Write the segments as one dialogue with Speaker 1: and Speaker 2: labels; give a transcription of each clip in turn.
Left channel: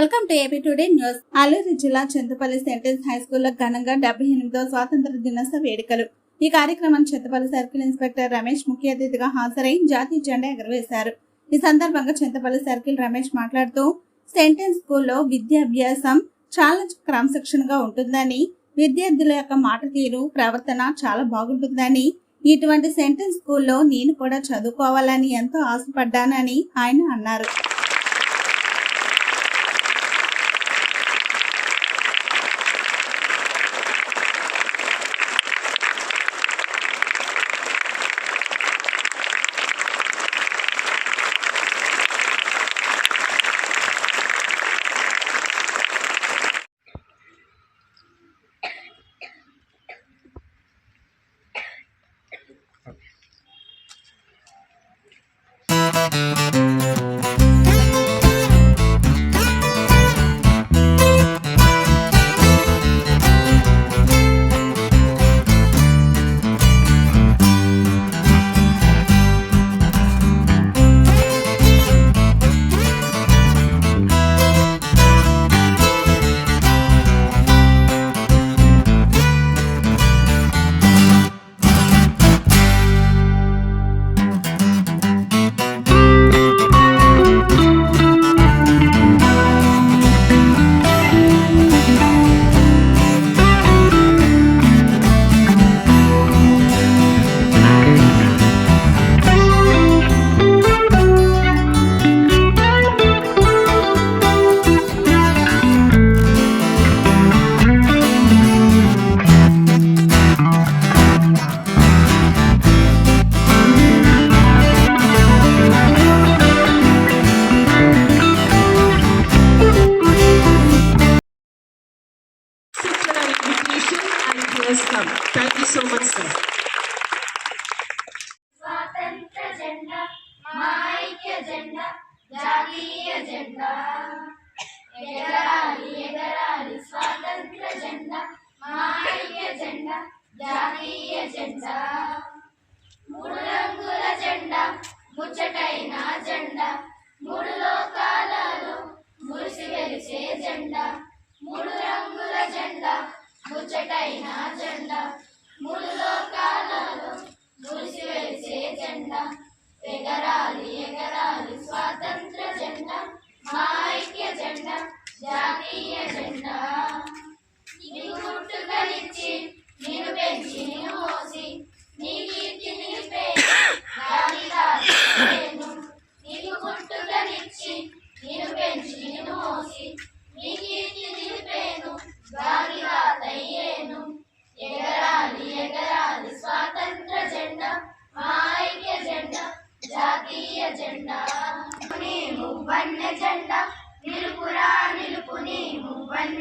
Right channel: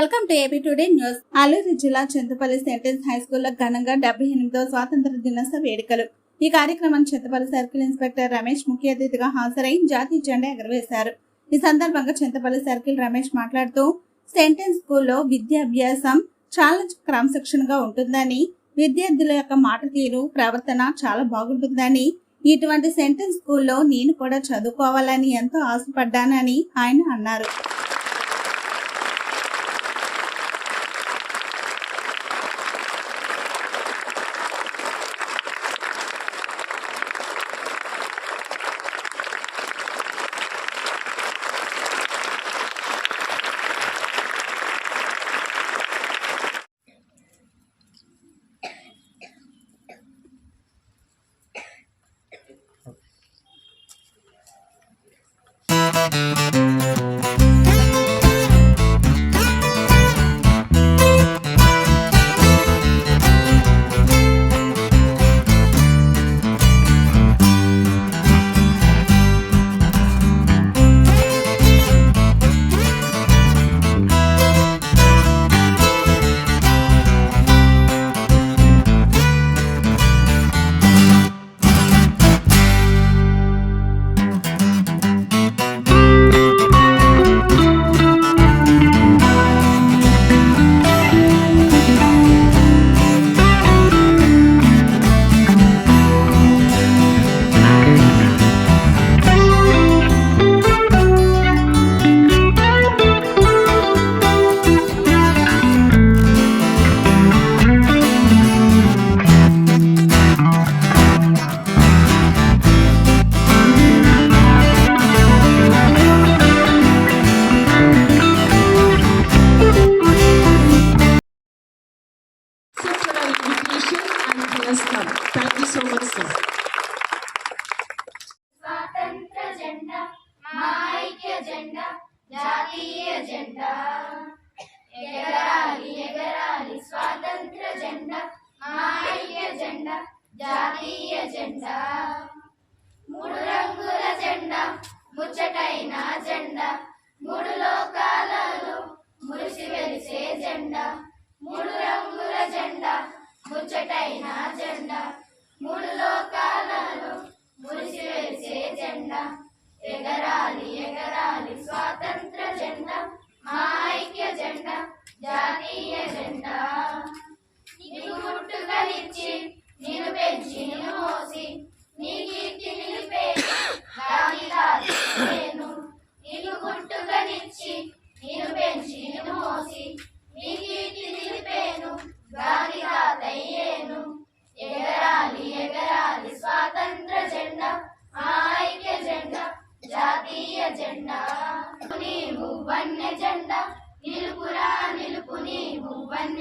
Speaker 1: Welcome to AP today news. Alluri జిల్లా Chintapalli sentence high స్కూల్లో ఘనంగా డెబ్బై ఎనిమిదో స్వాతంత్ర దినోత్సవ వేడుకలు. ఈ కార్యక్రమాన్ని చింతపల్లి సర్కిల్ ఇన్స్పెక్టర్ రమేష్ ముఖ్య అతిథిగా హాజరై జాతీయ జెండా ఎగరవేశారు. ఈ సందర్భంగా చింతపల్లి సర్కిల్ రమేష్ మాట్లాడుతూ సెంటెన్స్ స్కూల్లో విద్యాభ్యాసం చాలా క్రమశిక్షణగా ఉంటుందని విద్యార్థుల యొక్క మాట తీరు ప్రవర్తన చాలా బాగుంటుందని ఇటువంటి సెంటెన్స్ స్కూల్లో నేను కూడా చదువుకోవాలని ఎంతో ఆశపడ్డానని ఆయన అన్నారు.
Speaker 2: Invitation and he has come. Thank
Speaker 3: స్వాతంత్ర జెండా మా ఐక్య జెండా జాతీయ జెండా ఎగరాలి ఎగరాలి స్వాతంత్ర జెండా మా ఐక్య జెండా జాతీయ జెండా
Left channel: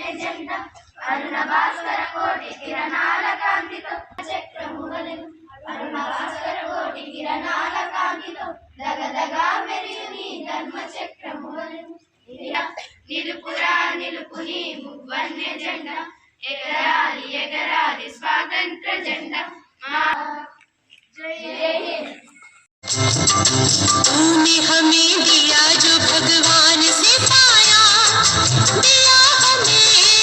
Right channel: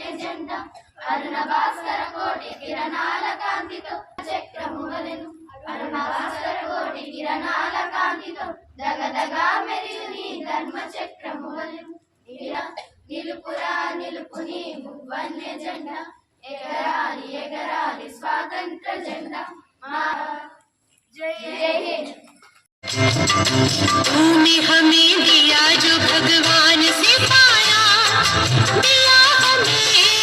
Speaker 3: ಎಜೆಂಡ ಅರುಣ ಭಾಸ್ಕರ ಕೋಟೆ ಕಿರಣಾಲ ಕಾಂತಿಕ ಚಕ್ರ
Speaker 4: तूने हमें दिया जो भगवान से पाया दिया हमें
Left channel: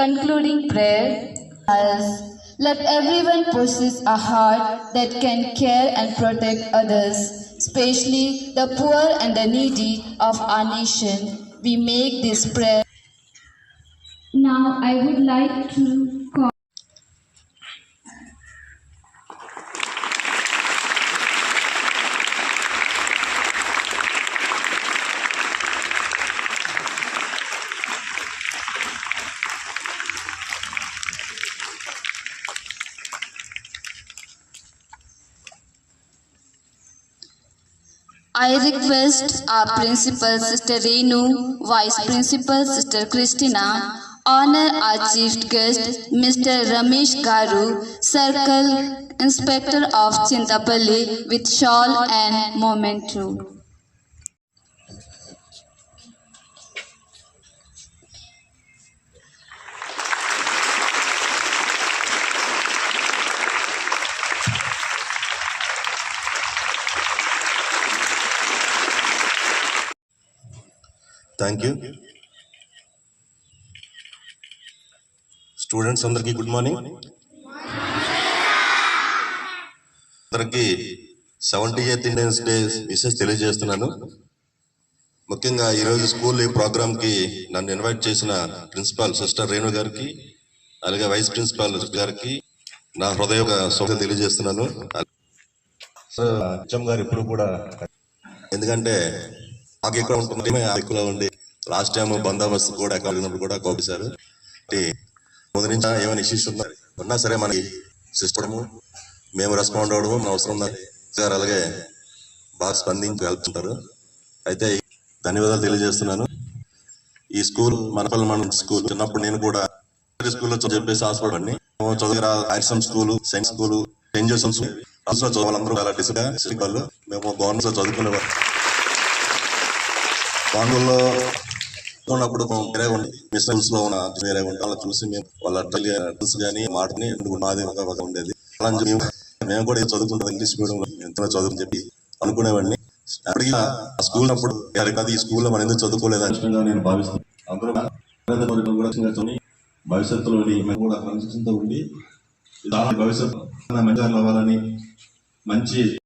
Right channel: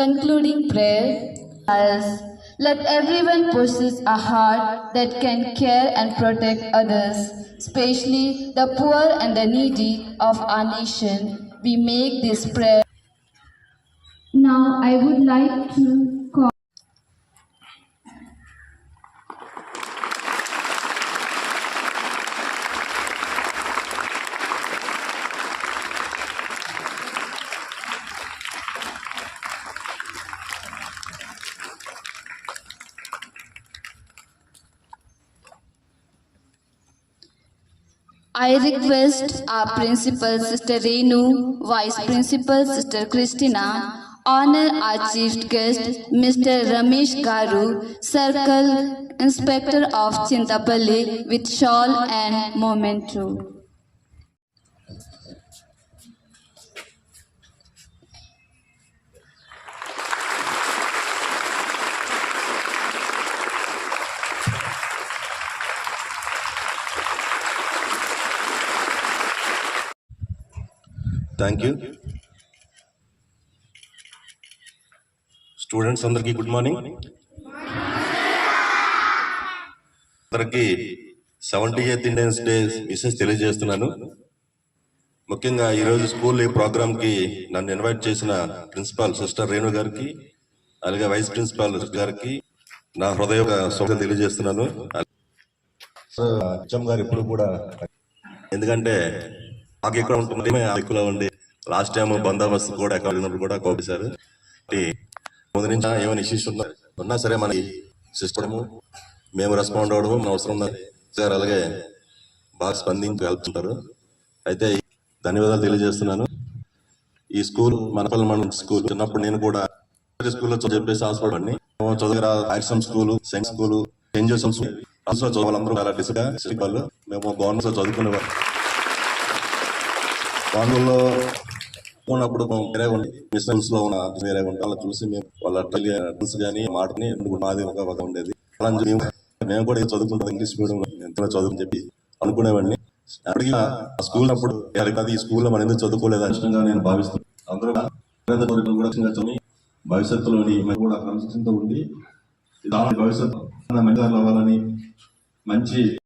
Speaker 5: Concluding prayer let everyone possess a heart that can care and protect others, especially the poor and the needy of our nation. We make this prayer.
Speaker 6: Now I would like to
Speaker 5: I request our principal, Sister Renu, Vice Principal, Sister Christina, honor our chief guest, Mr. Ramesh Garu, Circle Inspector of Chintapalli with shawl and memento.
Speaker 7: Thank you students అందరికీ good morning అందరికీ seventy eighth Indians day wishes తెలియజేస్తున్నాను. ముఖ్యంగా ఈరోజు school ఈ ప్రోగ్రామ్కి నన్ను invite చేసిన principal sister Renu గారికి అలాగే వైస్ ప్రిన్సిపాల్ గారికి నా హృదయ శుభ తెలియజేస్తున్నాను. హెచ్ఎం గారు ఎప్పుడు కూడా ఎందుకంటే మాకు ఇక్కడ ఉంటుంది మేము ఉండి లాస్ట్ టైం బందోబస్తు కూడా ఎక్కడ కూడా కోపేశారు ముందు నుంచి ఏమైనా ఇష్యూస్ ఉన్నా ఉన్నా సరే మనకి సిస్టము మేము రెస్పాండ్ అవ్వడము మన అవసరం ఉంది సార్ అలాగే బాగా స్పందించి వెళ్తుంటారు. అయితే ధన్యవాదాలు తెలియజేస్తున్నాను. ఈ స్కూల్ మనపల్లి మన స్కూల్ చిన్నప్పుడు నేను కూడా స్కూల్లో చెప్పేసి ఆశపడండి చదువురా హైర్సమ్ school science school saint Joseph అసలు చదవాలందరూ చాలా డిసిప్లిన్ వాళ్ళు. మేము గవర్నమెంట్లో చదువుకునే వాళ్ళు. బాంబుల్లో ఉన్నప్పుడు వేరే ఉండి. మిషన్స్లో ఉన్న వేరే ఉంటే చూసి మేము వాళ్ళ డ్రెస్ కానీ మాటని మాది ఒక ఒక ఉండేది. అలా మేము మేము కూడా చదువుకుంటాం ఇంగ్లీష్ మీడియం ఎంత చదువు చెప్పి అనుకునేవాడిని. అడిగినా స్కూల్ అప్పుడు ఈ ఈ స్కూల్లో మనం ఎందుకు చదువుకోలేదు? అని నేను భావిస్తున్నాను అందరూ కూడా కూడా భవిష్యత్తులో మేము కూడా క్రమశిక్షణతో ఉండి భవిష్యత్తు అవ్వాలని మంచి